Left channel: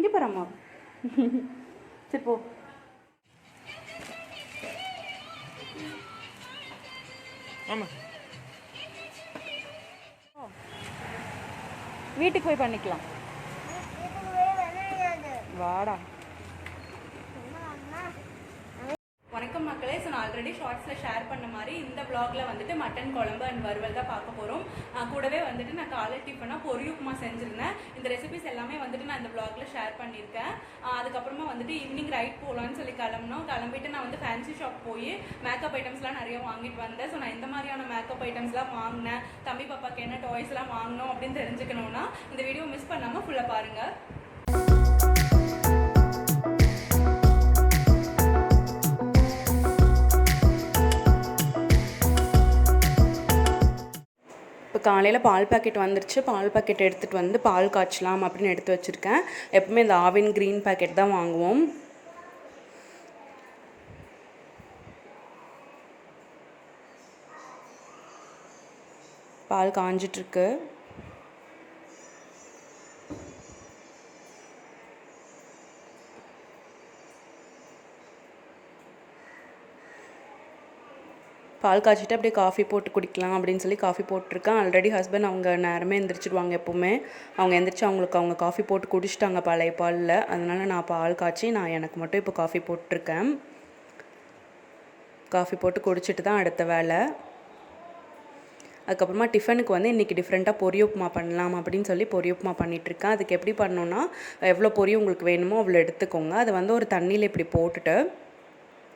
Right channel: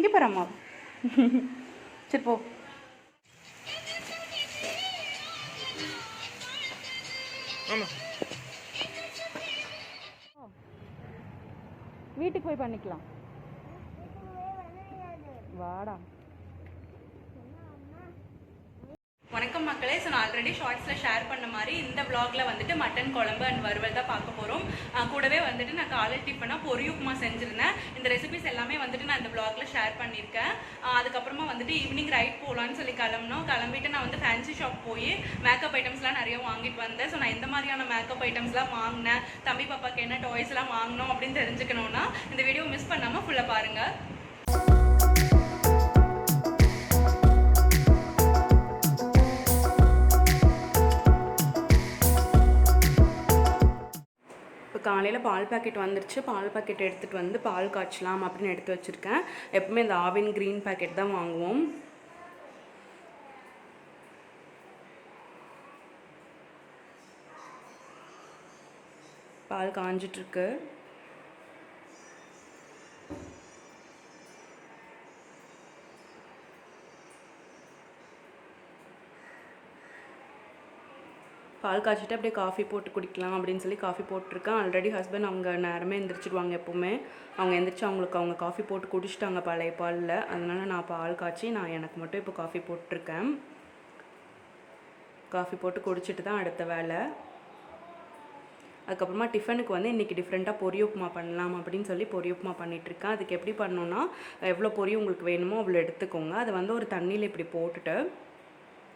இங்கே பாரும்மா. சரி போ. வீட்டுக்கு போய் பண்ணிக்கலாம். வாடா. வணக்கம் மக்களே. ஸோ நான் ஆல்ரெடி ஷார்ட்ஸில் ஷேர் பண்ண மாதிரி இந்த வ்ளாகில் வந்துட்டு மட்டன் குழம்பு அண்ட் வறுவல் தான் பார்க்க போகிறோம். கூடவே வந்துட்டு நான் காலை டிஃபனாக பொரி உப்புமா செஞ்சுருந்தேன். இந்த ரெசிபிஸ் எல்லாமே வந்துட்டு நான் இந்த வ்ளாகில் ஷேர் பண்ணியிருக்கேன். அதுக்கப்புறமா வந்துட்டு ஈவினிங் ரைட் போகலான்னு சொல்லி கிளம்பிட்டு நான் வந்து ஃபேன்சி ஷாப் போய் மேக்கப் ஐட்டம்ஸ்லாம் நிறைய வாங்கிட்டு வந்தேன். ஸோ நான் இந்த மாதிரியான மேக்கப் ஐட்டம்ஸ்லாம் வாங்கினேன், தம்பி பாப்பாக்கு என்ன டாய்ஸ்லாம் வாங்கினோம் அப்படின்னு தெரிஞ்சுக்கணுன்னா இந்த வீடியோ மிஸ் பண்ணாமல் ஃபுல்லாக பாருங்கள். இப்போ காலையில் பால் பாக்கெட் வந்துருச்சு. பால் பாக்கெட் எடுத்துகிட்டு வந்து பால் காய்ச்சலாம் அப்படின்னு எடுத்து வச்சுருக்கேன். எப்பவுமே இந்த ஆவின் க்ரீன் பாக்கெட் தான் வாங்குவோம். பால் காஞ்சிட்ருக்கு. பால் காய்ச்சிட்டு அப்படியே காஃபி போட்டு குடிக்கலாம் அப்படின்னு சொல்லி காஃபி போட்டிருக்கேன். ஆல்ரெடி ஹஸ்பண்ட் அவங்க நேரமே எந்திரிச்சிடுவாங்க. எப்போவுமே அவங்க எந்திரிச்சு அவங்க காஃபி போட்டு குடிச்சிட்டாங்க பழைய பாலில். அதனால் நான் பால் காய்ச்சி எனக்கு மட்டும் இப்போ காஃபி போட்டிருக்கேன். காஃபி போட்டு குடிச்சிட்டு தான் அடுத்த வேலை. அதுக்கப்புறமா டிஃபனுக்கு வந்து இன்றைக்கி டிஃப்ரெண்ட்டாக பொரி உப்புமா பண்ணலாம் அப்படின்னு சொல்லி பொரி உப்புமா பண்ணிகிட்ருக்கேன். அதுக்கு எப்படி பண்ணணுன்னா, எவ்வளோ பொரி உங்களுக்கு வேணுமோ அவ்வளோ எடுத்துக்கோங்க. அதை வந்து ஒரு தண்ணியில் இப்படி போட்டுட்டு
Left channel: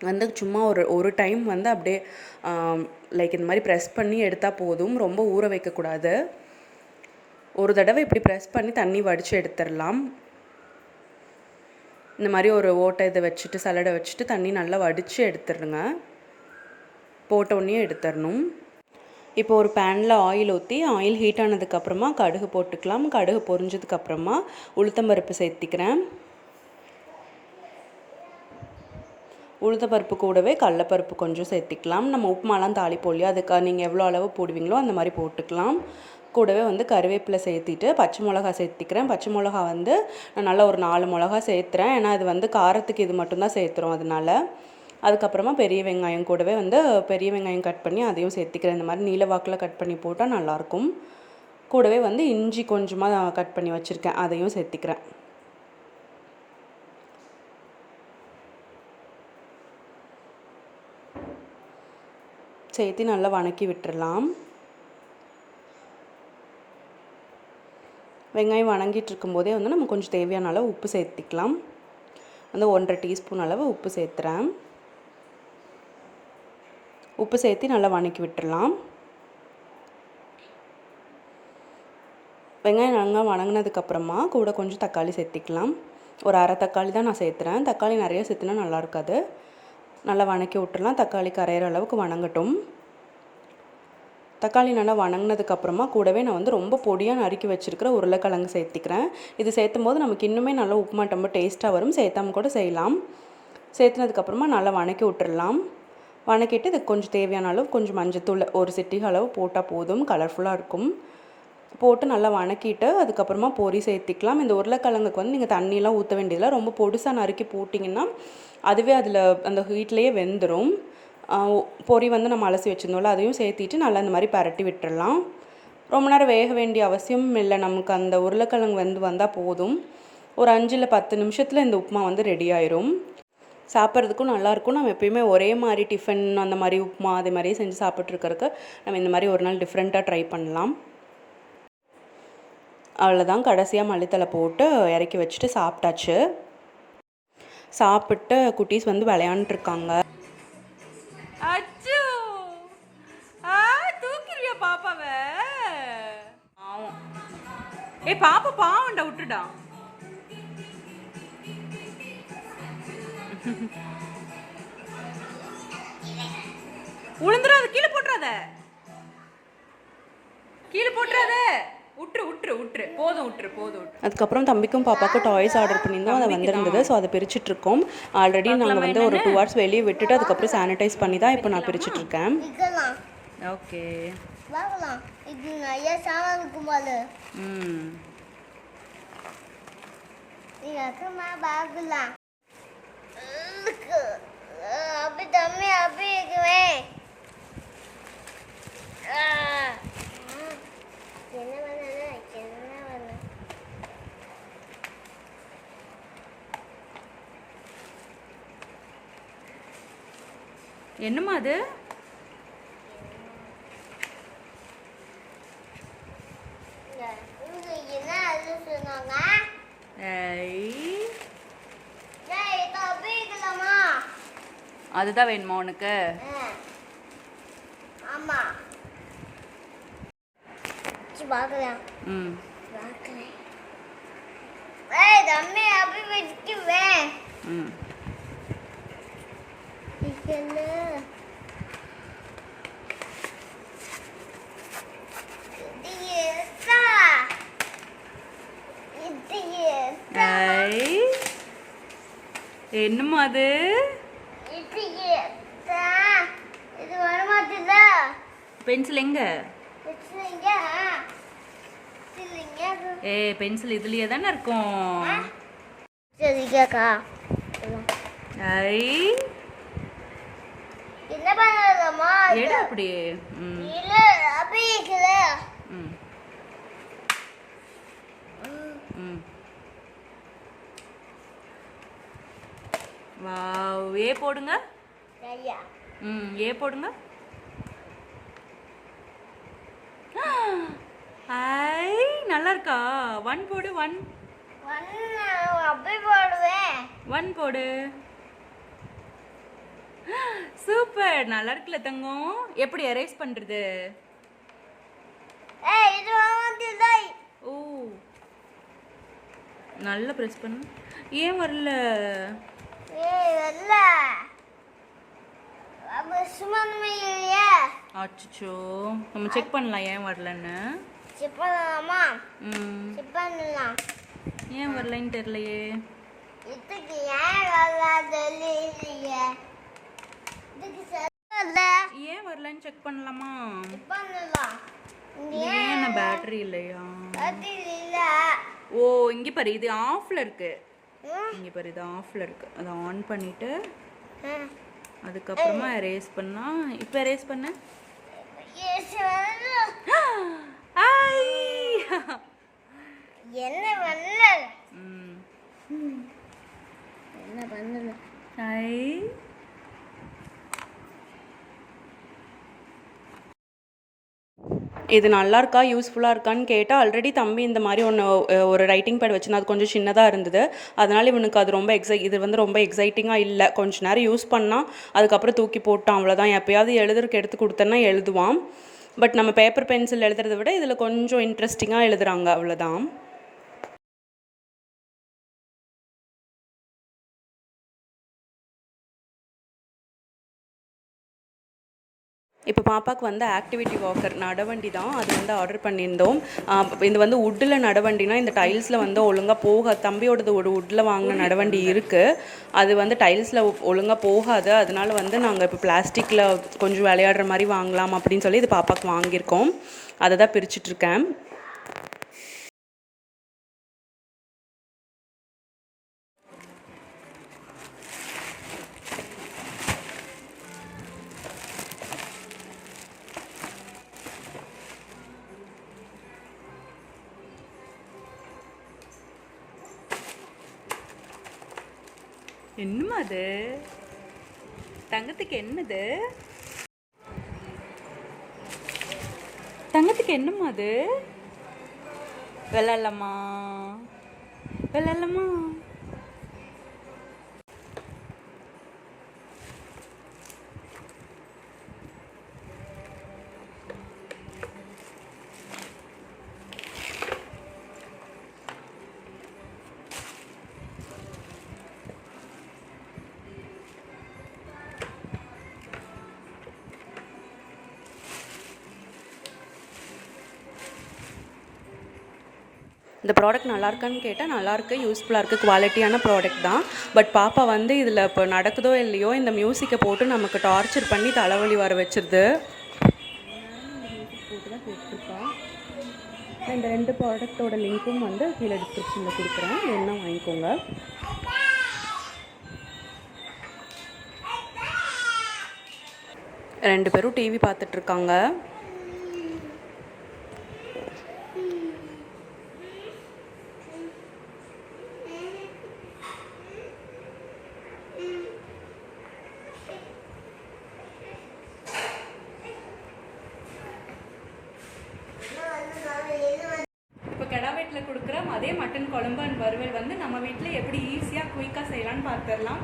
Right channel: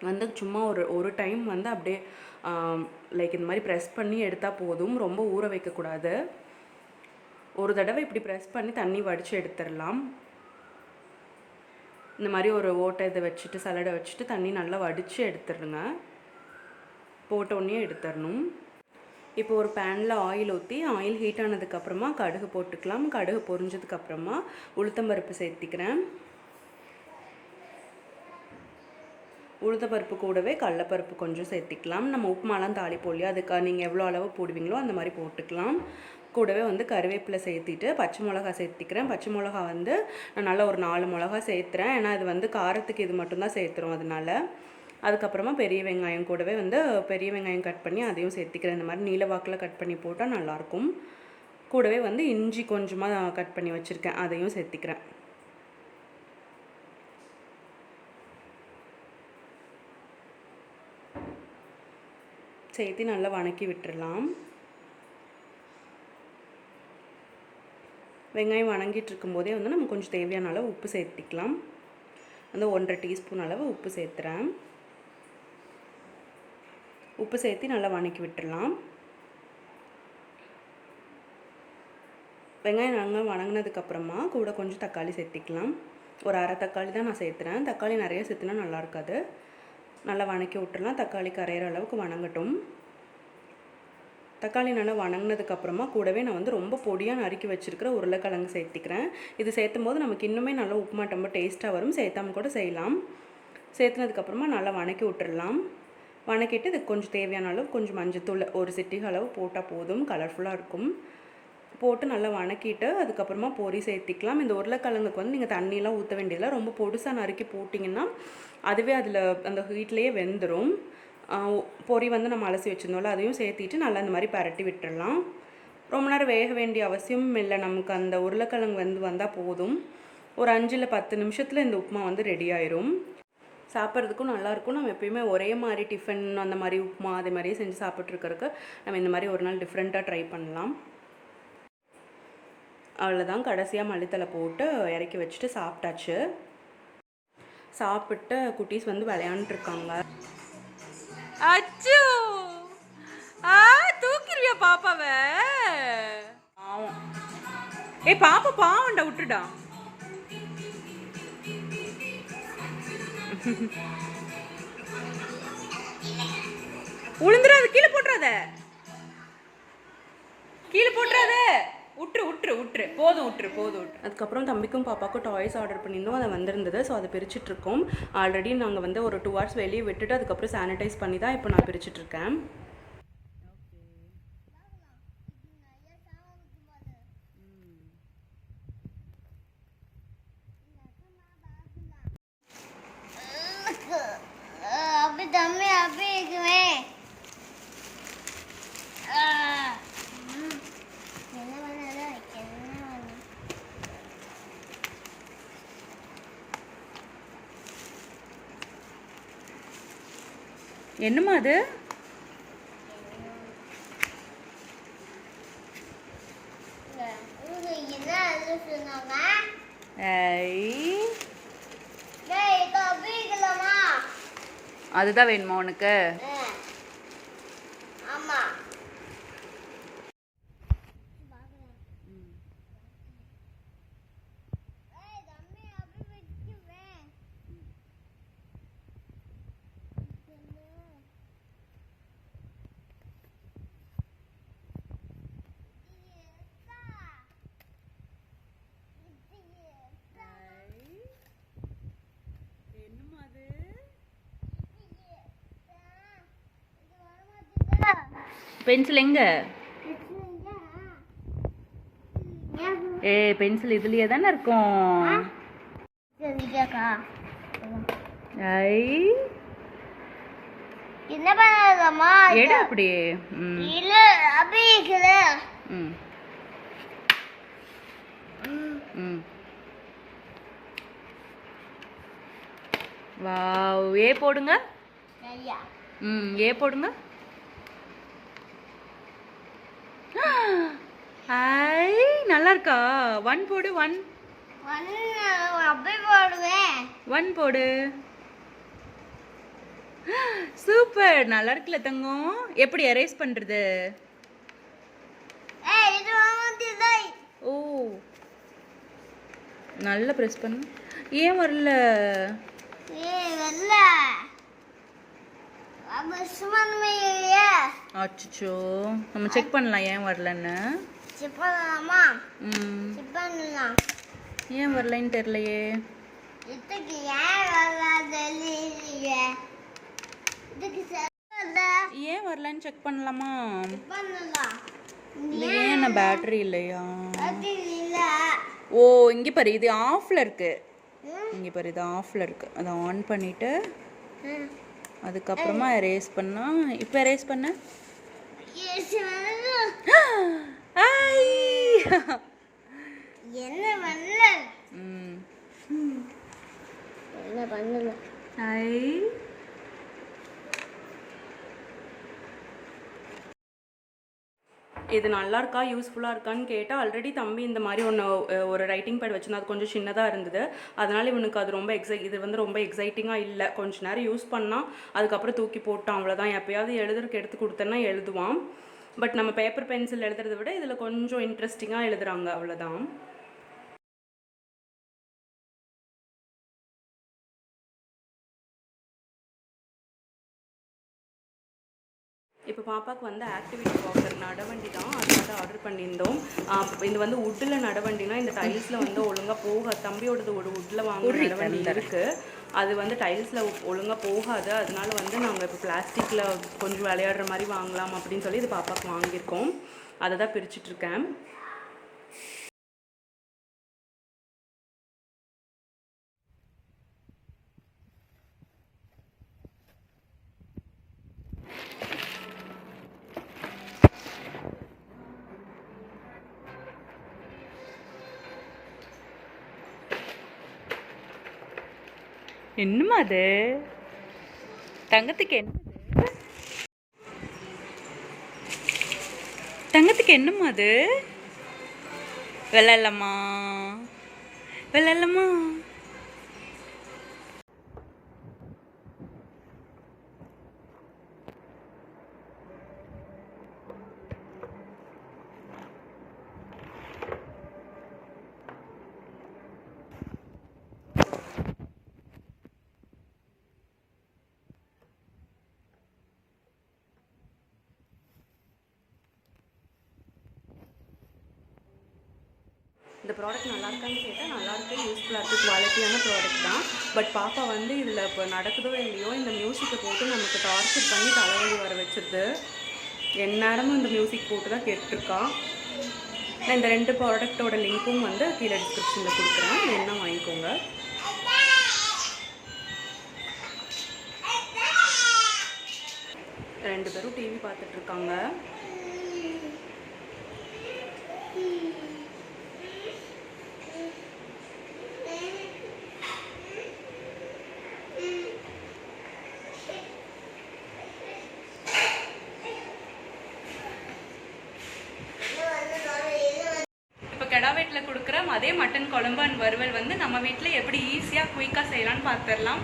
வந்து சும்மா ஒரு டைம் வந்து அப்படியே லைக் இந்த மாதிரி ப்ரெஸ் பண்ணி எடுத்தால் போதும். ரொம்ப ஊற வைக்கக்கூடாது. ஒரு தடவை இப்படி ப்ரெஸ் பண்ணி தண்ணி வடித்து எடுத்துடலாம். இந்த மாதிரி ஒரு ஓட்டை இதை வச்சுட்டு சலடை வச்சுட்டு தண்ணி நல்லா வடித்து எடுத்துடுங்க. போட்டோடனே எடுத்துடணும். இப்போ ஒரு பேனில் ஆயில் ஊற்றி ஆயில் ஹீட் ஆனதுக்கப்புறமா கடுகு போட்டுக்கலாம். கடுகு பொரிஞ்சதுக்கப்புறமா உளுத்தம்பருப்பு சேர்த்திக்கிறேன். உளுத்தப்பருப்பு கூடவே கடலப்பருப்பு கொஞ்சம் சேர்த்திக்கலாம். நம்ம உப்புமாலாம் தாளிப்போம் இல்லையா, அதுக்கு நீங்கள் எவ்வளோ அளவு போடுவீங்களோ அந்த மாதிரி போட்டுக்கலாம். கூடவே வந்து கருவேப்பிலை சேர்த்திட்டு பச்சை மிளகா சேர்த்திக்கிறேன். பச்சை மிளகா வந்து நான் நல்லா ஒரு 4 மிளகா சேர்த்துறேன். ஏன்னா இது வந்து காரத்துக்கு இது மட்டும்தான் சேர்த்துறோம் அதனால. அதுக்கப்புறமா பெரிய வெங்காயம் கூடவே வந்து பெரிய வெங்காயம் கட் பண்ணி அதையும் சேர்த்திக்கிறேன். இந்த மாதிரி நீல வாக்கில் கட் பண்ணி போட்டால் நல்லாயிருக்கும். கூடவே வந்து இஞ்சி கொஞ்சமாக கட் பண்ணி வச்சுருக்கேன், அதையும் சேர்த்திக்கிறேன். சேர்த்து நல்லா வணக்கி விட்டுடலாம். வெங்காயம் வணங்கிட்டு இருக்கும்போதே வந்து நம்ம கொஞ்சம் தேவையான அளவு உப்பு சேர்த்திக்கலாம். வந்து 1.5 டீஸ்பூன் அளவு உப்பு சேர்த்துறேன். உப்பு சேர்த்து நல்லா வணக்கி விட்டுடலாம். வெங்காயம் நல்லா வணங்கினதுக்கப்புறமா கூட கொஞ்சம் தக்காளி சேர்த்திக்கலாம். ஒரு அரை தக்காளி தான் நான் சேர்த்துறேன். தக்காளி நிறைய சேர்த்துனா நல்லா இருக்காது. நல்லா வணக்கி விட்டுடலாம். தக்காளி கரையிற அளவுக்கு வணங்கட்டும். தக்காளி நல்லா வணங்கினதுக்கப்புறமா கூடவே நான் வந்து ரொம்ப பொடியாக நறுக்கி வச்சுருக்கிற உருளைக்கிழங்கு சேர்த்திக்கிறேன். இது சேர்த்தும் போது நமக்கு இன்னுமே நல்லா உப்புமா ரொம்ப டேஸ்ட்டாக வரும். சேர்த்தாமல் கூட செய்யலாம். சேர்த்துனதுக்கப்புறமா நல்லா வணக்கி விட்டுடலாம். வணக்கிட்டு இதுக்கு கொஞ்சம் தேவையான அளவு கொஞ்சம் மஞ்சத்தூள் ஒரு சிட்டிகை அளவு போட்டால் போதும், கலர்ஃபுல்லாக இருக்கும். போட்டு நல்லா வணக்கிட்டு அதுக்கப்புறமா பொரி சேர்த்திக்கலாம். இந்த உருளைக்கிழங்குக்கு வந்து நீங்கள் தண்ணியெலாம் ஊற்ற வேண்டியதில்லை. ரொம்ப பொடுசாக நறுக்கி போட்டிங்கன்னா அதுவே அதில் அந்த ஹீட்லேயே வெந்துடும். பொரி வந்து நம்ம அலசி வச்சுருந்தோம்ல, அதையும் சேர்த்திட்டு நல்லா இந்த மாதிரி பரட்டி விட்டுடலாம். ரொம்ப நேரம் வேக வேண்டிய அவசியம் இல்லை. நமக்கு அந்த உருளைக்கிழங்கு வந்தால் போதும். ஒரு 5 இல்லை 10 நிமிஷத்தில் இந்த உப்புமா வந்து ரெடி ஆயிரும். சாப்பிட்றதுக்கும் நல்லாயிருக்கும். நம்ம எப்பயுமே ஒரே மாதிரி டிஃபன் அந்த மாதிரி உப்புமா அதே மாதிரியே செஞ்சு சாப்பிட்ருக்கறதுக்கு நம்ம இந்த மாதிரி ஒரு நாள் டிஃப்ரெண்ட்டாக ட்ரை பண்ணலாம். அவ்வளோதான். கடைசியாக மல்லித்தலை போட்டு இறக்கி வச்சுட்டு சாப்பிட்டாச்சு. சாப்பிட்டு குட்டீஸ் வந்து விளையாண்டுருக்காங்க. அச்சோ தூக்கிறியா பாப்பாவை? பாவம். பாப்பா பாவண்டா, விட்டுடா. உளுந்துடாத, கீழே போட்டுறாத, கீழே போட்டுறாத. விட்டுரு போதும், விட்டுரு. அதுக்கப்புறம் தம்பிக்கும் பாப்பாவுக்கும் டாய்ஸ் ஆர்டர் பண்ணியிருந்தோம். அதை வந்திருந்தது. ஸோ அதை பிரிச்சுட்ருக்கோம். ஆல்ரெடி நாங்கள் வந்து ஒரு 2 hours வெளியே விட்டுட்டு அதுக்கப்புறம் சானிடைஸ் பண்ணி தான் இப்போ நான் பிரிச்சுட்ருக்கேன். ஓகே. என்னம்மா அது? அதுதான் வேணுமா உனக்கு? என்னம்மா அது? பென்சில் எங்க? பென்சில் இதுலயே தானே இருக்கும். என்ன பண்ணலாமா? எடு அப்படி. இல்ல அப்படியே. வாவ், ஏ போடுங்க. ஏ போடுங்க. ஐ நல்லா இருக்கா? 1 போடு. 1 அப்படியே போடுவேன். 1 போடு. சூப்பர், நல்லா இருக்குல்ல தங்கம்? எப்படி எரேஸ் பண்றது? ஓ, நல்லா பிரஸ் பண்ணு. ஏன் வரல? அச்சோ, நம்ம செக் பண்ணலாம் ஏன் வரலன்னு. ஏன் வரலன்னு தெரியலையே. ஏன் வரலன்னு செக் பண்ணலாமா? ஏன் பேட்டரி இல்லையா? ஓ, இங்கே பாரு, இது ஆஃப்ல இருக்கு. இங்கே பாரு, இது ஆஃப்ல இருக்கு. அதை ஆன் பண்ணிட்டு அதுக்கப்புறமா எரேஸ் பண்ணா. இப்போ எரேஸ் பண்ண. இது நல்லா இருக்கா, யூஸ்ஃபுல்லாக இருக்கான்னு கேட்டால், ஆல்ரெடி தம்பி இந்த மாதிரி ஒரு ரைட்டிங் பேட் வச்சுருந்தா அது கொஞ்சம் சின்னதாக இருந்தது. அதனால் இவனுக்கு அது ரொம்ப இது வந்து ரொம்ப எக்ஸைட்டிங்காக இல்லை. கொஞ்சம் நேரம் யூஸ் பண்ணால் அதுக்கப்புறம் தூக்கி போட்டான், அவ்வளோதான். எப்போயாவது எழுதுறதுக்கு எடுத்து கொடுத்தேன்னா எழுதுவான். பட் நம்ம பேப்பர் பென்சில் எழுதுறதை விட இதில் கொஞ்சம் இன்ட்ரெஸ்டிங்காக எழுதுகிறாங்க, அவ்வளோதான். இப்போ பாப்பாவுக்கு வந்து ஆக்டிவிட்டி வாக்கர் நடவண்டி தான், அது வந்து ஆர்டர் பண்ணியிருந்தோம். இது வந்து உட்டில் நடவண்டினா இந்த டைல்ஸில் வந்து ஒழுங்காக தம்பியோடது ஒரு உட்டில் வாங்கின நடவண்டி இருக்குது. அது வந்து டைல்ஸில் ஒழுங்காக போகாது. அதனால வந்து நாங்கள் இப்போ பிளாஸ்டிக்கில் கொஞ்சம் விளையாடுற மாதிரி வாங்கலாம் அப்படின்னு சொல்லி இது பாப்பாவுக்கு வாங்கியிருக்கோம். அதை தான் பிரிச்சுட்ருக்கேன். என்னம்மா அது? தங்கத்துக்கு என்னது? தங்கத்துக்கு என்னம்மா அது? விளையாடலாமா? விளையாடலாமா? இந்த ப்ராடக்ட் நல்லா இருக்கான்னு கேட்டால் நல்லாயிருக்கு, யூஸ்ஃபுல்லாக இருக்குது, குவாலிட்டியான ப்ராடக்ட் தான். பட் பாப்பா வந்து இதில் இப்போ நடக்குதோ இல்லையோ இந்த மியூசிக்கை போட்டு நமக்கு டார்ச்சர் பண்ணி தலைவலி வர வச்சிருது. எந்நேரமும் இந்த மியூசிக் போட்டு தான் கேட்டுருக்கா. நான் இந்த 2 ப்ராடக்ட்டோட லிங்க்கும் வந்து கீழே டிஸ்கிரிப்ஷனில் கொடுக்குறேன், வேணும்னா வாங்கிக்கோங்க. ரெண்டு பேரும் டிவி பார்த்துட்ருக்காங்க. இப்போ கெடா வீட்டில் கொடுக்குற அதே மட்டன் குழம்பு அண்ட் வறுவல் வந்து நம்ம வீட்டில் எப்படி ஈஸியாக குயிக்காக செய்யலான்னு பார்த்துடலாம்.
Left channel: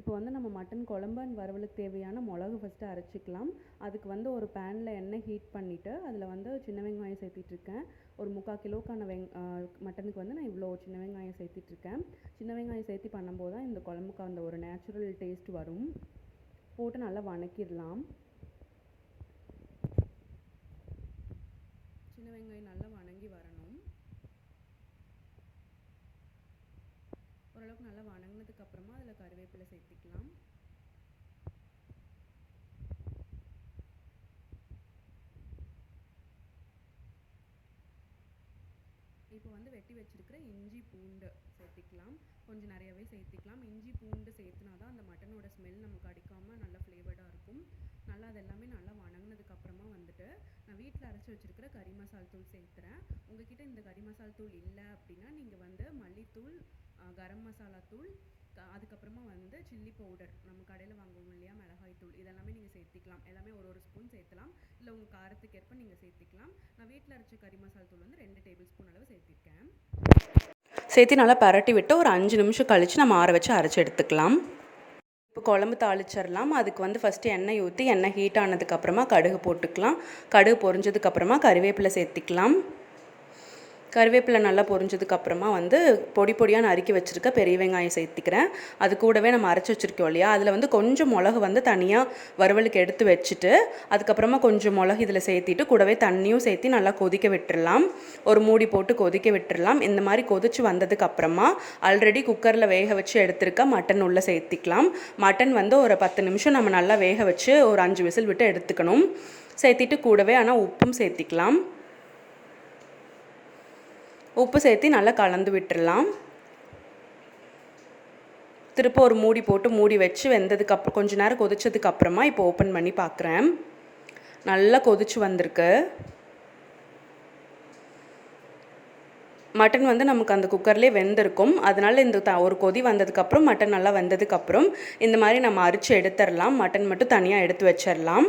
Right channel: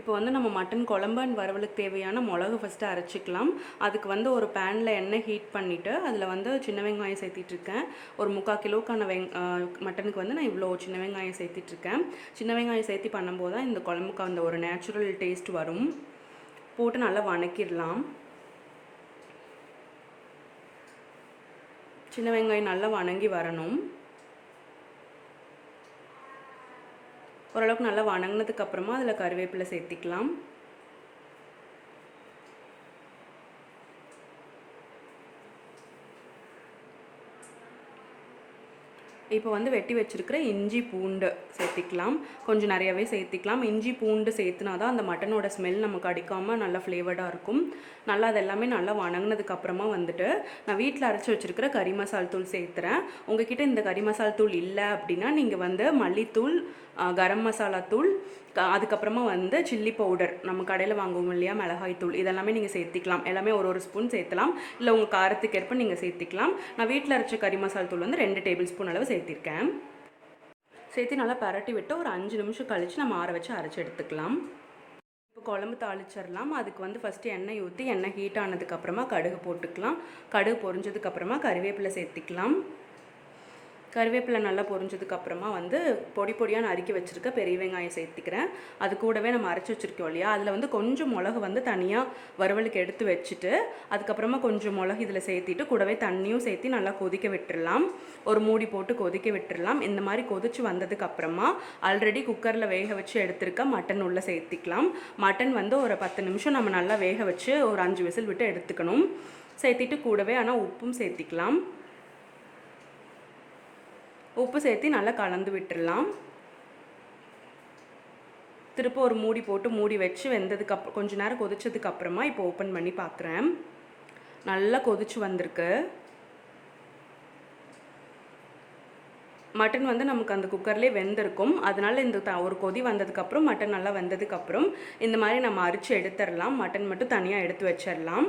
இப்போ வந்து நம்ம மட்டன் குழம்பு அண்ட் வறுவலுக்கு தேவையான மிளகு ஃபஸ்ட்டு அரைச்சிக்கலாம். அதுக்கு வந்து ஒரு பேனில் எண்ணெய் ஹீட் பண்ணிவிட்டு அதில் வந்து சின்ன வெங்காயம் சேர்த்திட்ருக்கேன். ஒரு 3/4 கிலோக்கான மட்டனுக்கு வந்து நான் இவ்வளோ சின்ன வெங்காயம் சேர்த்திட்ருக்கேன். சின்ன வெங்காயம் சேர்த்தி பண்ணும்போது தான் இந்த குழம்புக்கு அந்த ஒரு நேச்சுரல் டேஸ்ட் வரும். போட்டு நல்லா வணக்கிடலாம். சின்ன வெங்காயம் நல்லா வணங்கி வரணும். ஓரளவுக்கு நல்லா வணங்கினதுக்கப்புறமா அதில் கருவேப்பிலை சேர்த்திக்கலாம். இப்போ வந்து வெட்டி வச்சுருக்கிற இஞ்சி பூண்டு சேர்த்திக்கலாம். கொஞ்சம் நிறையாவே சேர்த்திக்கலாம். இஞ்சி பூண்டு சேர்த்துனா தான் அந்த மட்டனோட ஸ்மெல் நமக்கு அடிக்காமல் நல்லா ஃப்ளேவர்டாக இருக்கும். நல்லா அது எல்லாமே நல்லா வணங்கினதுக்கப்புறமா வந்துட்டு நான் வீட்டில் அரைச்சி வச்சுருக்கிற கறி மசால் தூள் சேர்த்துறேன். உங்ககிட்ட இந்த கறி மசால் தூள் இல்லை அப்படின்னா நீங்கள் வந்து மல்லித்தூள், கரம் மசாலா தூள், அதுக்கப்புறமா வந்து சில்லி பவுடர், நம்ம கடையில் வாங்குவோம் இல்லையா, மிளகாய் தூள், இதெல்லாமே நீங்கள் சேர்த்திக்கலாம். எல்லாமே ஒரு ஸ்பூன் சேர்த்துலாம். இல்லை உங்கள் காரத்துக்கு ஏற்ப நீங்கள் சேர்த்திக்கலாம். நான் வீட்டில் அரைச்ச கறி மசால் தூள் வந்து 2 டேபிள் ஸ்பூன் அளவு சேர்த்திருக்கேன். சேர்த்து நல்லா பரட்டி விட்டு ஒரு 5 நிமிஷம் கழித்து நம்ம ஆற வச்சு அரைச்சி எடுத்துக்கலாம். இப்போ குழம்பு தாளிச்சிடலாம். அதுக்கு வந்து ஃபஸ்ட்டு எண்ணெய் ஊற்றி எண்ணெய் ஹீட் ஆனதுக்கப்புறமா கடுகு போட்டுக்கலாம். கடுகு பொரிஞ்சதுக்கப்புறமா கறிவேப்பிலை சேர்த்திக்கலாம். கருவேப்பிலை நல்லா பொரிஞ்சதுக்கப்புறமா வந்து பொடியாக நறுக்கி வச்சுருக்க பெரிய வெங்காயம் சேர்த்திக்கிறேன். அது கூடவே நம்ம அரைச்சி வச்சுருக்கோம் இல்லையா, அதில் வந்து கொஞ்சம் மிளகு வந்து தனியாக வறுவலுக்கு எடுத்து வச்சுட்டு அதுக்கப்புறமா கொஞ்சம் மிளகு இதில் சேர்த்திட்டு கூடவே தண்ணியும் சேர்த்து நல்லா கொதிக்க விட்டுடலாம். ஒரு மூடி போட்டு கொதிக்க விட்டுடலாம். இந்த மாதிரி கொதிச்சு வந்ததுக்கப்புறமா ஆல்ரெடி குக்கரில் வேக வச்சு எடுத்துருக்க மட்டன் உள்ளே சேர்த்திக்கலாம். மட்டன் வந்து ஒரு 10 நிமிஷம் நம்ம நல்லா வேக வச்சு ஒரு 5 விசில் விட்டு எடுத்துக்கணும். சேர்த்திட்டு கூடவே ஆனால் உப்பும் சேர்த்திக்கலாம். உப்பு சேர்த்து நல்லா கலந்து விட்டுடலாம். திரும்ப ஒரு மூடி போட்டு மூடி வச்சு வெந்ததுக்கப்புறம் கொஞ்சம் நேரம் கொதிச்சதுக்கப்புறமா இப்போ ஓப்பன் பண்ணி பார்க்குறேன். நல்லா கொதிச்சு வந்திருக்கு. மட்டன் வந்து நமக்கு அந்த குக்கர்லேயே வெந்திருக்கும். அதனால் இந்த ஒரு கொதி வந்ததுக்கப்புறம் மட்டன் நல்லா வெந்ததுக்கப்புறம் இந்த மாதிரி நம்ம அரிச்சு எடுத்துடலாம். மட்டன் மட்டும் தனியாக எடுத்து வச்சிடலாம்.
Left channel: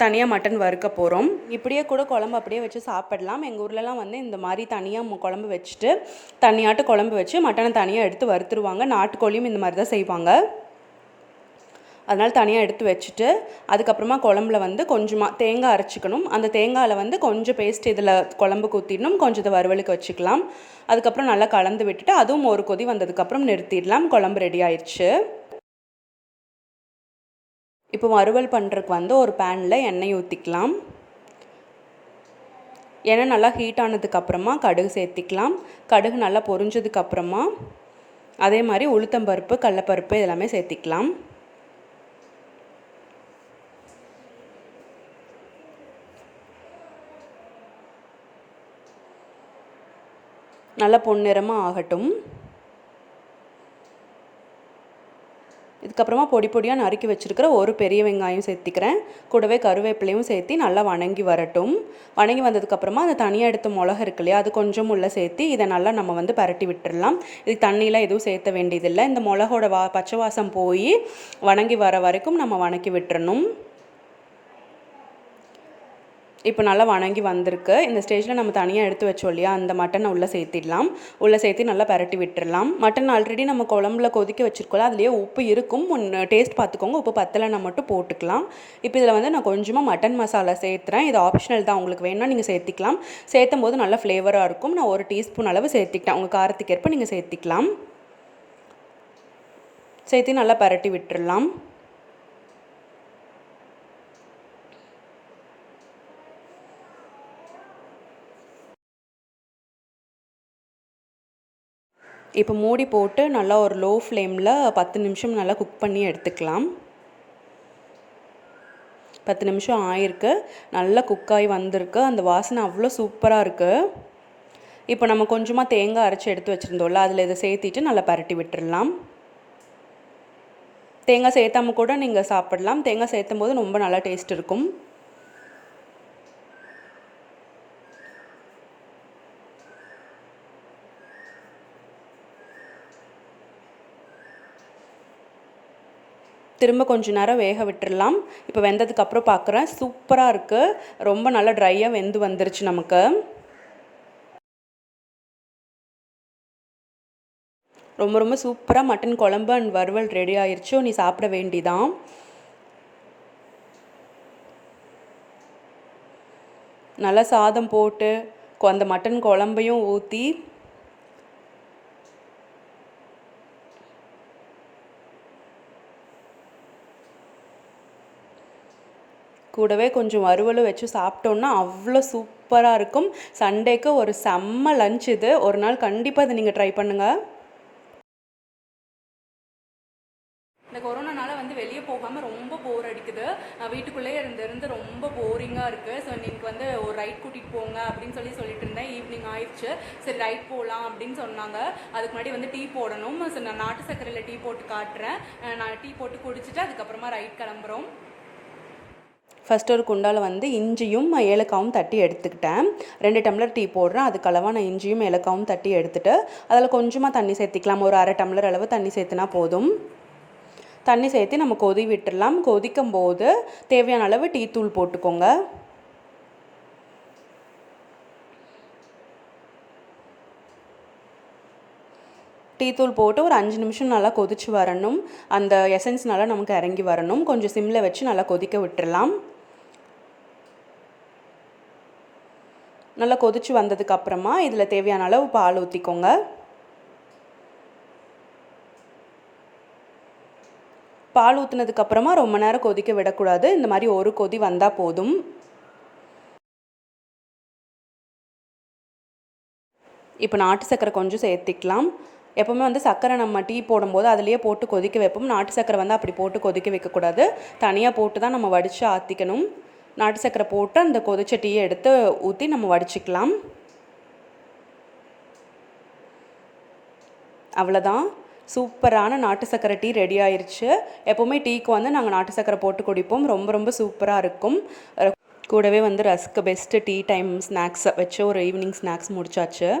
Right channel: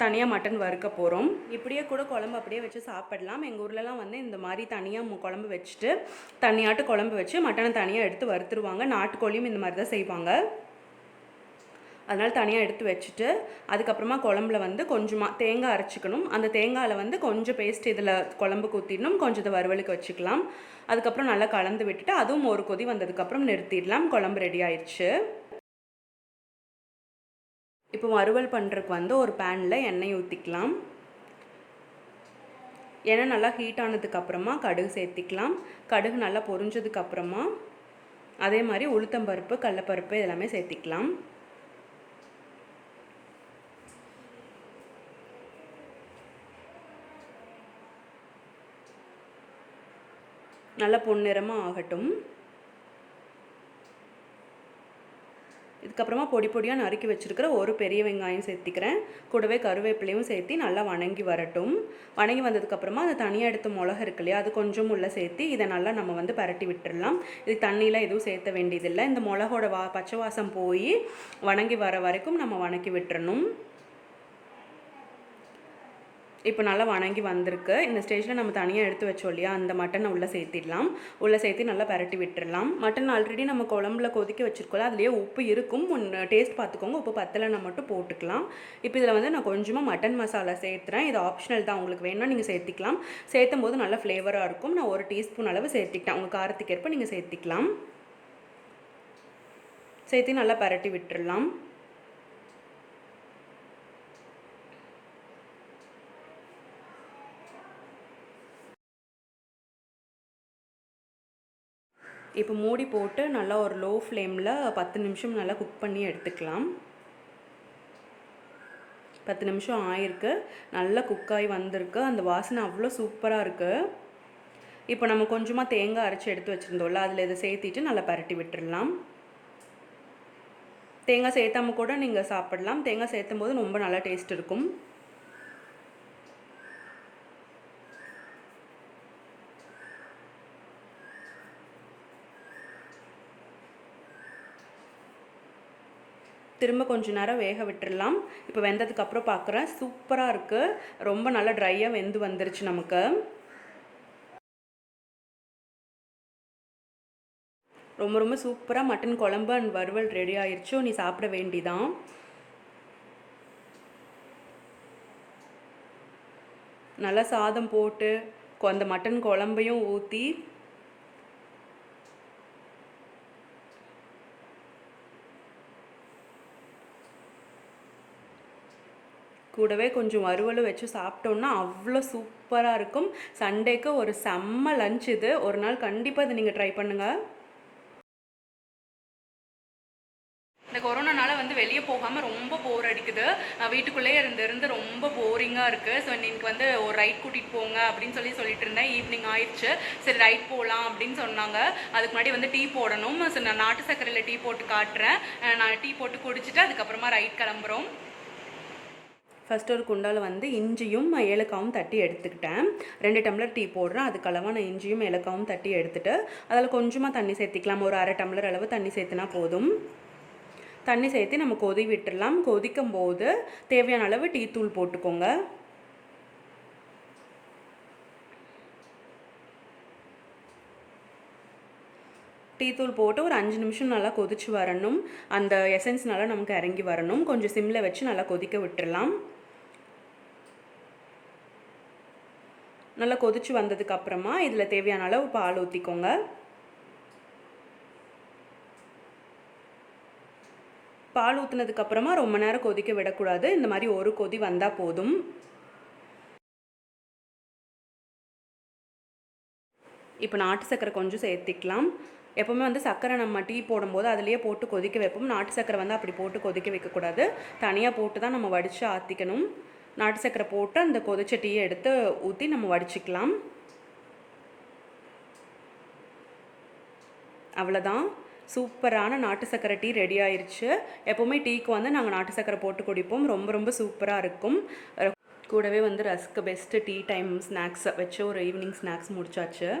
தனியாக மட்டன் வறுக்க போகிறோம். இப்படியே கூட குழம்பு அப்படியே வச்சு சாப்பிடலாம். எங்கள் ஊர்லலாம் வந்து இந்த மாதிரி தனியாக குழம்பு வச்சுட்டு தனியாட்டு குழம்பு வச்சு மட்டனை தனியாக எடுத்து வறுத்துருவாங்க. நாட்டுக்கோழியும் இந்த மாதிரி தான் செய்வாங்க. அதனால் தனியாக எடுத்து வச்சுட்டு அதுக்கப்புறமா குழம்புல வந்து கொஞ்சமாக தேங்காய் அரைச்சிக்கணும். அந்த தேங்காயில் வந்து கொஞ்சம் பேஸ்ட் இதில் குழம்புக்கு ஊற்றிடணும். கொஞ்சம் இதை வறுவலுக்கு வச்சுக்கலாம். அதுக்கப்புறம் நல்லா கலந்து விட்டுட்டு அதுவும் ஒரு கொதி வந்ததுக்கப்புறம் நிறுத்திடலாம். குழம்பு ரெடி ஆயிடுச்சு. இப்போ வறுவல் பண்ணுறதுக்கு வந்து ஒரு பேனில் எண்ணெய் ஊற்றிக்கலாம். எண்ணெய் நல்லா ஹீட் ஆனதுக்கப்புறமா கடுகு சேர்த்திக்கலாம். கடுகு நல்லா பொரிஞ்சதுக்கப்புறமா அதே மாதிரி உளுத்தம்பருப்பு, கடலைப்பருப்பு எல்லாமே சேர்த்திக்கலாம். நல்லா பொன்னிறமாக ஆகட்டும். இதுக்கப்புறமா பொடியாக நறுக்கி வச்சுருக்கிற ஒரு பெரிய வெங்காயம் சேர்த்திக்கிறேன். கூடவே கருவேப்பிலையும் சேர்த்து நல்லா வணங்கி வரட்டும். வணங்கி வந்ததுக்கப்புறமா அந்த தனியாக எடுத்த மிளகு இருக்கு இல்லையா, அது கொஞ்சம் உள்ள சேர்த்து இதை நல்லா நம்ம வந்து பரட்டி விட்டுடலாம். இது தண்ணியெலாம் எதுவும் சேர்த்த வேண்டியதில்லை. இந்த மிளகோட பச்சை வாசம் போய் வணங்கி வர வரைக்கும் நம்ம வணக்கி விட்டுறணும். இப்போ நல்லா வணங்கி வந்திருக்கு. இந்த ஸ்டேஜில் நம்ம தனியாக எடுத்து வச்சோம் இல்லையா, அந்த மட்டனை உள்ளே சேர்த்திடலாம். உள்ளே சேர்த்து நல்லா பரட்டி விட்டுடலாம். மட்டன் ஆல்ரெடி நம்ம குழம்புல கொதிக்க வச்சுருக்கோம், அதுலேயே உப்பு இருக்கும். டேஸ்ட் பார்த்துக்கோங்க. உப்பு பத்தலைன்னா மட்டும் போட்டுக்கலாம். இப்போ இதில் வந்து நான் கொஞ்சமாக மட்டன் மசாலா சேர்த்துறேன். இது ஆப்ஷனல் தான், உங்களுக்கு வேணும்னா நீங்கள் சேர்த்திக்கலாம். சேர்த்தும் போது நல்லா ஃப்ளேவராக இருக்கும். நான் 1 டீஸ்பூன் அளவு சேர்த்திக்கிட்டேன். உங்கள் காரத்துக்கு ஏற்ப நீங்கள் சேர்த்திக்கலாம். சேர்த்து நல்லா பரட்டி விட்டுடலாம். இப்போ மூடி போட்டு நல்லா ஒரு லோ ஃப்ளேமில் 10 நிமிஷம் நல்லா குக் பண்ணி எடுத்துக்கலாம். 10 நிமிஷம் ஆயிருக்கு. நல்லா குக்காகி வந்திருக்கு. அந்த வாசனை அவ்வளோ சூப்பராக இருக்குது. இப்போ நம்ம கொஞ்சமாக தேங்காய் அரைச்சி எடுத்து வச்சுருந்தோம்ல, அதில் இதை சேர்த்திட்டு நல்லா பரட்டி விட்டுடலாம். தேங்காய் சேர்த்தாம கூட நீங்கள் சாப்பிடலாம். தேங்காய் சேர்த்தும் போது ரொம்ப நல்லா டேஸ்ட் இருக்கும். திரும்ப கொஞ்ச நேரம் வேக விட்டுடலாம். இப்போ வெந்ததுக்கப்புறம் பார்க்குறேன், சூப்பராக இருக்குது. ரொம்ப நல்லா ட்ரையாக வெந்து வந்துருச்சு நமக்கு. ரொம்ப ரொம்ப சூப்பராக மட்டன் குழம்பு அண்ட் வறுவல் ரெடி ஆயிடுச்சு. நீ சாப்பிட வேண்டிதான். நல்லா சாதம் போட்டு அந்த மட்டன் குழம்பையும் ஊற்றி கூடவே கொஞ்சம் வறுவலும் வச்சு சாப்பிட்டோன்னா அவ்வளோ சூப்பராக இருக்கும். சண்டேக்கு ஒரு செம்ம லஞ்ச் இது. ஒரு நாள் கண்டிப்பாக இதை நீங்கள் ட்ரை பண்ணுங்கள். இந்த கொரோனானால வந்து வெளியே போகாமல் ரொம்ப போர் அடிக்குது. வீட்டுக்குள்ளேயே இருந்து ரொம்ப போரிங்காக இருக்குது. ஸோ இன்னைக்கு வந்து ஒரு ரைட் கூட்டிகிட்டு போங்க அப்படின்னு சொல்லிட்டு இருந்தேன். ஈவினிங் ஆயிடுச்சு. சரி ரைட் போகலாம் அப்படின்னு சொன்னாங்க. அதுக்கு முன்னாடி வந்து டீ போடணும். ஸோ நான் நாட்டு சர்க்கரையில் டீ போட்டு காட்டுறேன். நான் டீ போட்டு குடிச்சிட்டு அதுக்கப்புறமா ரைட் கிளம்புறோம். ஃபஸ்ட்டு ஒரு குண்டால் வந்து இஞ்சியும் ஏலக்காவும் தட்டி எடுத்துக்கிட்டேன். 2 டம்ளர் டீ போடுறேன். அதுக்களவாக நான் இஞ்சியும் ஏலக்காவும் தட்டி எடுத்துகிட்டு அதில் கொஞ்சமாக தண்ணி சேர்த்திக்கலாம். ஒரு 1/2 டம்ளர் அளவு தண்ணி சேர்த்துனா போதும். தண்ணி சேர்த்து நம்ம கொதி விட்டுடலாம். கொதிக்கும் போது தேவையான அளவு டீ தூள் போட்டுக்கோங்க. டீ தூள் போட்டு ஒரு 5 நிமிஷம் நல்லா கொதிச்சு வரணும். அந்த எசன்ஸ் நல்லா நமக்கு இறங்கி வரணும். கொஞ்சம் சிம்மில் வச்சு நல்லா கொதிக்க விட்டுடலாம். நல்லா கொதிச்சு வந்ததுக்கப்புறமா இதில் தேவையான அளவு பால் ஊற்றிக்கோங்க. பால் ஊற்றுனதுக்கப்புறமா ரொம்ப நேரம் கொதிக்க விடக்கூடாது. இந்த மாதிரி ஒரு கொதி வந்தால் போதும். இப்போ நாட்டு சர்க்கரை கொஞ்சம் சேர்த்திக்கலாம். எப்போவுமே வந்து சர்க்கரை நம்ம டீ போடும்போது அதிலேயே போட்டு கொதிக்க வைப்போம். நாட்டு சர்க்கரை வந்து அப்படி போட்டு கொதிக்க வைக்கக்கூடாது. தனியாக போட்டு தான் நம்ம வடித்து ஆற்றிக்கணும். நாட்டு சர்க்கரை போட்டு அந்த கொதிச்ச டீயை எடுத்து ஊற்றி நம்ம வடிச்சிக்கலாம். அவ்வளோதான், சூப்பரான நாட்டு சர்க்கரை டீ ரெடி ஆயிடுச்சு. எப்போவுமே டீக்கு வந்து நாங்கள் நாட்டு சர்க்கரை போட்டு குடிப்போம். ரொம்ப ரொம்ப சூப்பராக இருக்கும். கூடவே வந்து rusk best tea time snacks வச்சு ஒரு ஈவினிங் ஸ்நாக்ஸ் முடிச்சாச்சு.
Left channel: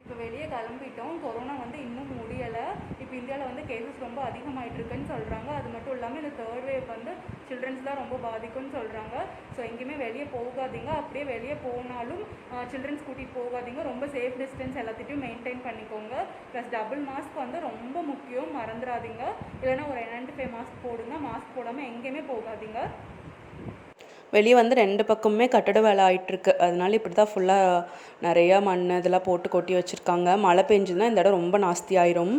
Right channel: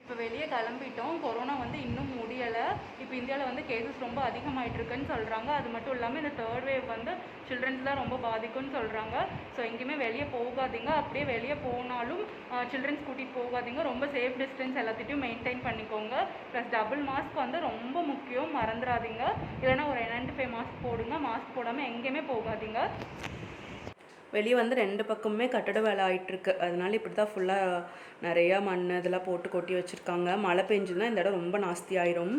இப்போ வெளியே கிளம்பிட்டோம். கொரோனா வந்து இன்னும் முடியலை. இப்போ இந்தியாவில் வந்து கேசஸ் ரொம்ப அதிகமாகிட்டு இருக்குன்னு சொல்கிறாங்க. அது மட்டும் இல்லாமல் இந்த 3rd வேவ் வந்து சில்ட்ரன்ஸ் தான் ரொம்ப பாதிக்கும்னு சொல்கிறாங்க. ஸோ எங்கேயுமே வெளியே போகாதீங்க. அப்படியே வெளியே போனாலும் சில்ட்ரன்ஸ் கூட்டிகிட்டு போகாதீங்க. ரொம்ப சேஃப் டிஸ்டன்ஸ் எல்லாத்தையும் மெயின்டைன் பண்ணிக்கோங்க. ப்ளஸ் டபுள் மாஸ்க் வந்து ரொம்ப முக்கியம், மறந்துடாதீங்க. இல்லைனா ஒரு N95 மாஸ்க் போடுங்க. மாஸ்க் போடாமல் எங்கேயுமே போகாதீங்க. வெளியே வந்து 2 பக்கமுமே கட்டட வேலை ஆகிட்டுருக்கு. அதனால இப்படி தான் ஃபுல்லாக நிறையா மண் இதெல்லாம் போட்டு கொட்டி வச்சுருக்காங்க. மழை பெஞ்சுன்னா இந்த இடம் ரொம்ப நாஸ்தி ஆயிரும்.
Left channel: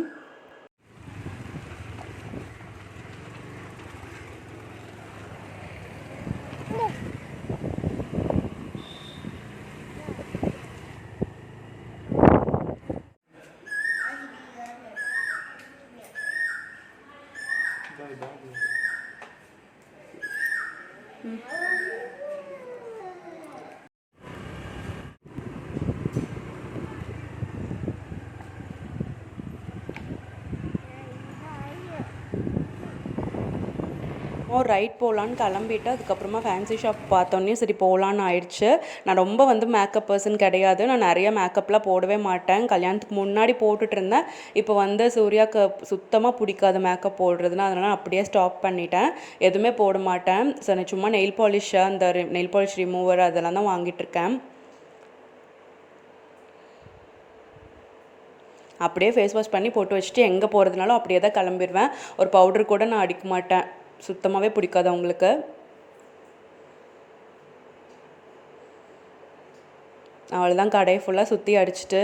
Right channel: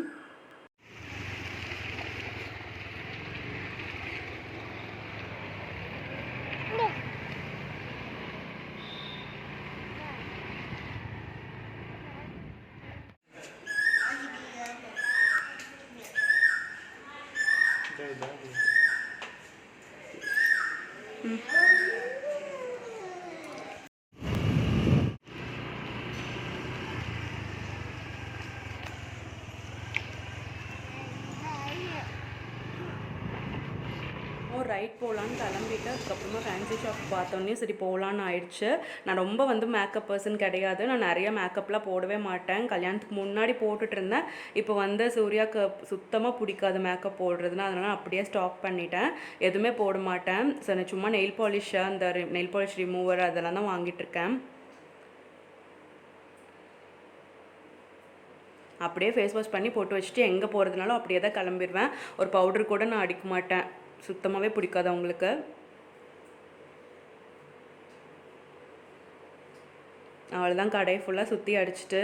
ரைட் போகலான்னு கிளம்பிட்டு அதுக்கப்புறமா ஃபேன்சி ஷாப் பார்த்தோன்னே சரி போகலான்னு ஆயிடுச்சு. நான் ரொம்ப வந்து மேக்கப் பர்சன் கிடையாது. நான் நிறைய மேக்கப்லாம் போடவே மாட்டேன். கல்யாணத்துக்கு முன்னாடி போட்டுட்டு இருந்தேன். இப்போ வந்து சூர்யாவுக்கு சுத்தமாக பிடிக்காது மேக்கப் போடுறதுன்னா, அதனால் அப்படியே ஸ்டாப் பண்ணிட்டேன். எதுவுமே போட மாட்டேன். ஸோ நான் சும்மா நெயில் பாலிஷ், அந்த நெயில் பாலிஷ் ரிமூவர் அதெல்லாம் தான் வாங்கிட்டுருக்கேன். அப்படியே ஃபேஸ் வாஷ் பண்ணி போட்டு வச்சுட்டு எங்கே போகிறதுனாலும் அப்படியே தான் கிளம்பிடுவேன். ஒரு பவுடர் கூட நான் அடிக்க மாட்டேன். சுத்தமாகவே பிடிக்காது அவங்களுக்கு. அவ்வளோதான், கடையை ஃபுல்லாக சுற்றி அடிச்சுட்டு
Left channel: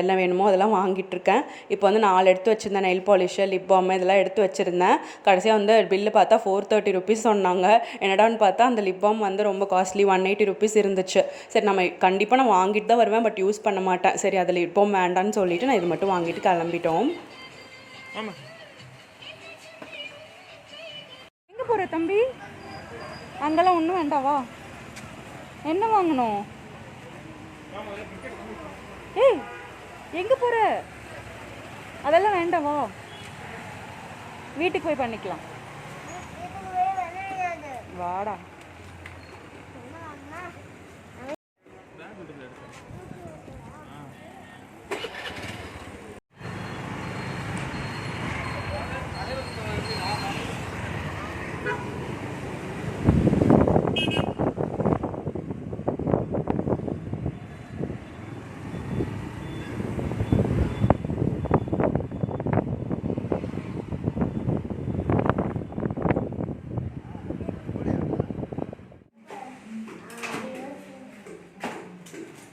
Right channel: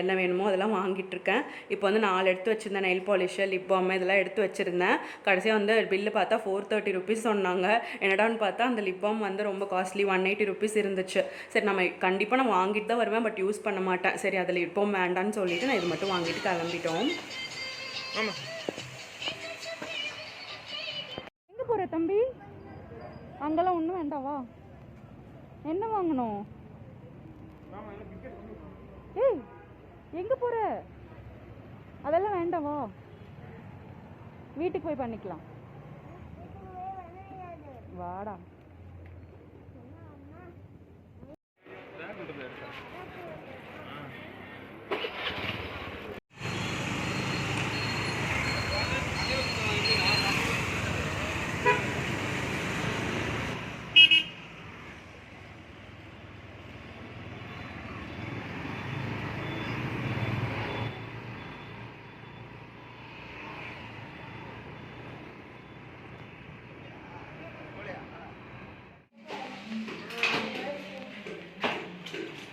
என்ன வேணுமோ அதெல்லாம் வாங்கிட்டுருக்கேன். இப்போ வந்து 4 எடுத்து வச்சுருந்தேன். நெயில் பாலிஷு, லிப் பாம் இதெல்லாம் எடுத்து வச்சுருந்தேன். கடைசியாக வந்து பில்லு பார்த்தா 430 ருபீஸ் சொன்னாங்க. என்னடான்னு பார்த்தா அந்த லிப் பாம் வந்து ரொம்ப காஸ்ட்லி 180 ருபீஸ் இருந்துச்சு. சரி நம்ம கண்டிப்பாக நான் வாங்கிட்டு தான் வருவேன், பட் யூஸ் பண்ண மாட்டேன். சரி அதில் லிப் பாம் வேண்டான்னு சொல்லிவிட்டு நான் இது மட்டும் வாங்கிட்டு கிளம்பிட்டோம். எங்கே போகிற தம்பி? அங்கெல்லாம் ஒன்றும் வேண்டாவா? என்ன வாங்கணும்? ஏய் எங்கே போகிற? அதெல்லாம் வேண்டாவா? வீட்டுக்கு போய் பண்ணிக்கலாம். வாடா.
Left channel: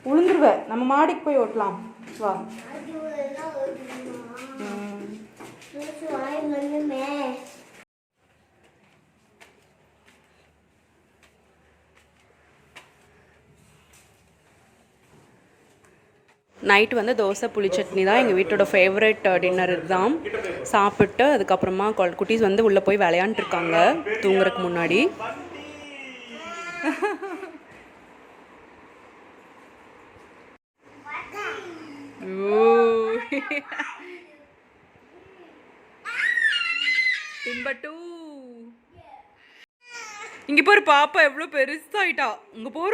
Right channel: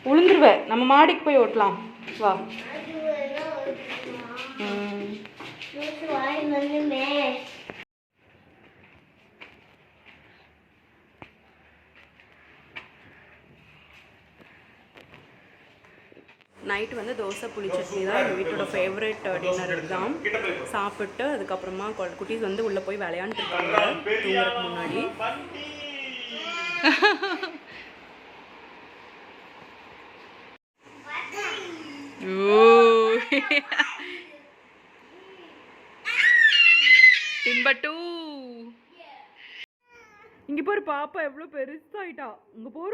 உளுந்துருவேன். நம்ம மாடிக்கு போய் ஓட்டலாம் வா. நைட்டு வந்து தோசை புளி சட்னி தான் எங்கள் வீட்டோட ஃபேவரட் டின்னர். இதுதான் சாப்பிட்டு அதுக்கப்புறமா குட்டீஸ் வந்து உள்ளே போய் விளையாண்டுருக்காங்க தூங்குறதுக்கு முன்னாடி. டிம்பட்டு இங்க போற பாப்பா எவ்வளவு பெருசாயிட்டா. இங்க போற.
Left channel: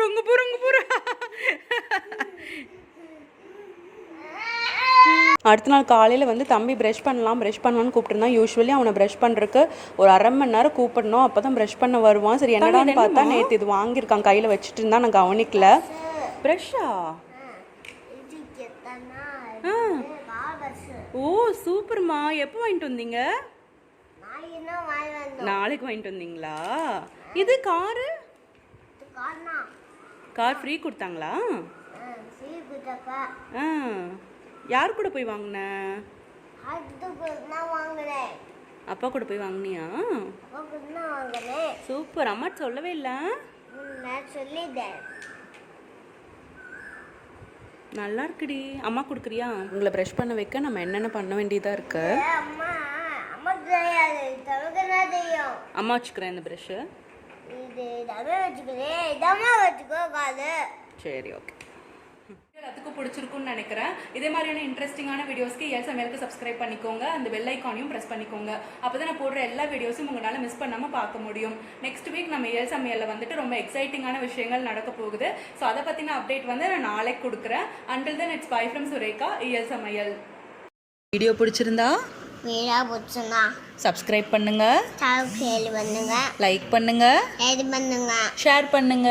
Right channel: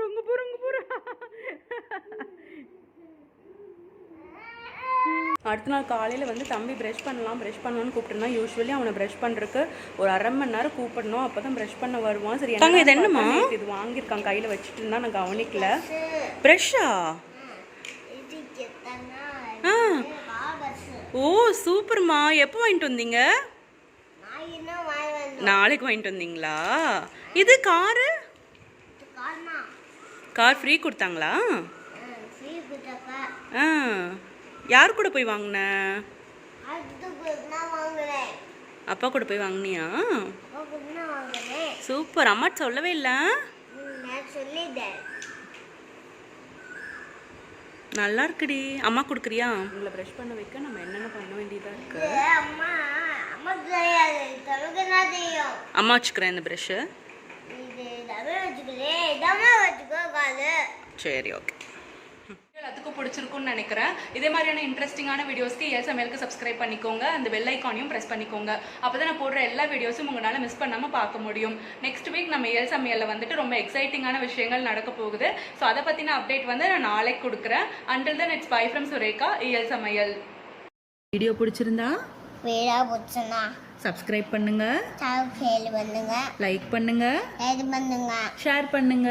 அடுத்த நாள் காலையில் வந்து தம்பி ப்ரஷ் பண்ணலான்னு கூப்பிட்டுருந்தா. யூஸ்வலி அவனை ப்ரஷ் பண்ணுறதுக்கு ஒரு 1/2 மணி நேரம் கூப்பிடணும், அப்போ தான் ப்ரஷ் பண்ண வருவான். சரி என்ன இது வாங்கியிருக்கான் கையில் வச்சுட்டு இருந்தா, நான் கவனிக்கல. ப்ரஷ்ஷா? ஓ சூப்பர்மா. எப்போ வாங்கிட்டு வந்தீங்க? நாளைக்கு வாங்கிட்டு வந்தீங்களா? இது கார் ஃப்ரீ கொடுத்தாங்களா? யார் கூட போய் வாங்கின? அப்பா கூட போய் வாங்கினியா? சூப்பர். அம்மா சொல்லவே இல்லை. நல்லா இருக்குடி. அம்மா கொடுக்குறியா? உங்களை ப்ரஷ் பண்ண வைக்க நம்ம என்னென்ன பண்ண வேண்டியதாக இருக்கு. அம்மா வச்சுக்கிறேன் இந்த ப்ரஷ்ஷு. சரி ஓகே. எல்லாத்துக்கும் பிடிச்சிருக்குன்னு நினைக்கிறேன். இதே மாதிரியான இன்ட்ரெஸ்டிங்கான வீடியோஸ்க்கு இயல் சமையலுக்கு சப்ஸ்கிரைப் பண்ணிக்கோங்க. அந்த பெல் ஐக்கானையும் ப்ரெஸ் பண்ணிக்கோங்க. அப்போ தான் நான் போடுற எல்லா வீடியோஸும் உங்களால் மிஸ் பண்ணாமல் பார்க்க முடியும். நெக்ஸ்ட் வீக் நம்ம இயல் சமையலில் வந்துட்டு ரொம்ப எக்ஸைட்டிங்கான விஷயங்கள் நடக்க போகுது. ஸோ அதை பற்றின அப்டேட் வந்து நான் நாளைக்கு கொடுக்குறேன். Until then it's bye from Sureka, Iyal Samayal. Video பிடிச்சிருந்தா சப்ஸ்கிரைப் பண்ணுங்க, லைக் பண்ணுங்க, ஷேர் பண்ணுங்க.